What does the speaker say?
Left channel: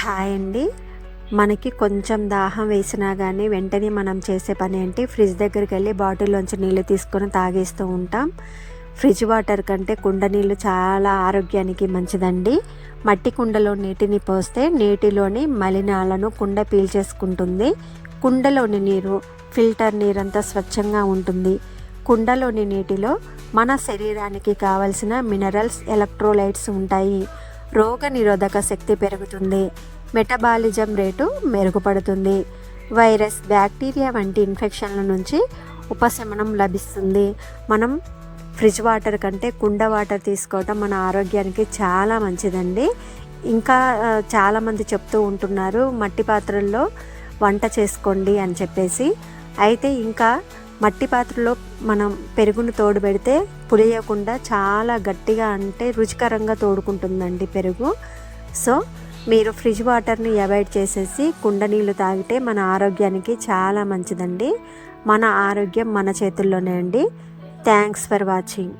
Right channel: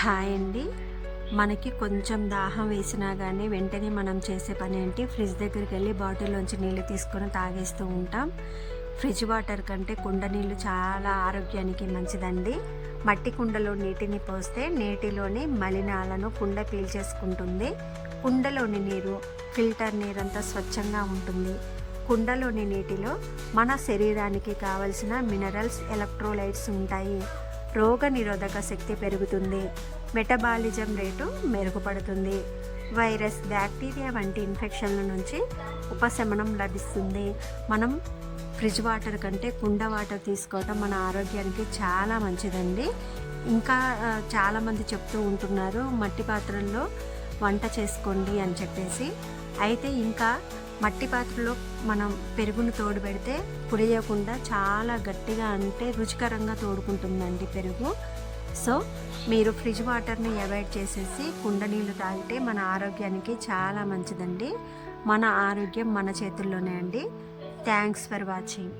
Hi అండి. మనకి కొంచెం దాహం వేసినా కానీ వెంటనే మనం చేసే పని ఏంటి, ఫ్రిడ్జ్ దగ్గరికి వెళ్ళి బాటిల్లోంచి నీళ్ళు తీసుకొని తాగేస్తూ ఉంటాం. ఫ్రిడ్జ్ వాటర్ కంటే కుండ నీళ్ళు చాలా ఆరోగ్యానికి మంచిదండి. మట్టి కుండలో నీటిని పోస్తే నీటిలోని మలినాలను కుండ పీల్చేసుకుంటుంది. కుండలోని నీరు ఫిల్టర్ నీరంతా స్వచ్ఛంగా ఉంటుంది. కుండలోని నీటిలో మన శరీరానికి కావలసిన మినరల్స్, ఎలక్ట్రోలైట్స్ ఉంటాయి. రోగ నిరోధక శక్తి పెరుగుతుంది. మెటబాలిజం రేటు మెరుగుపడుతుంది. వైరస్, బ్యాక్టీరియా వంటి ఇన్ఫెక్షన్ల నుంచి ఉపశమనం లభిస్తుంది. మనం ఫ్రిడ్జ్ వాటర్ కంటే కుండ వాటర్ తీసుకోవటం మన ఆరోగ్యానికి చాలా మంచిదండి. ఇంకా చాలామంది చెప్తూ ఉంటున్నారు మట్టి పాత్రల్లో వంట చేసుకోండి అని చెప్పేసి. అయితే ఇంకా మట్టి పాత్రలో మనం పెరుగును తోడు పెడితే పులియకుండా చాలా గట్టిగా, అంటే రుచికరంగా తోడుకుంటుందండి పెరుగు. సో మీరు ఫ్రిడ్జ్ వాటర్ని అవాయిడ్ చేసేసి కుండ నీళ్ళు తాగితే మన ఆరోగ్యానికి చాలా మంచిదండి. మన ఆరోగ్యం మన చేతుల్లోనే అండి. Thanks for watching.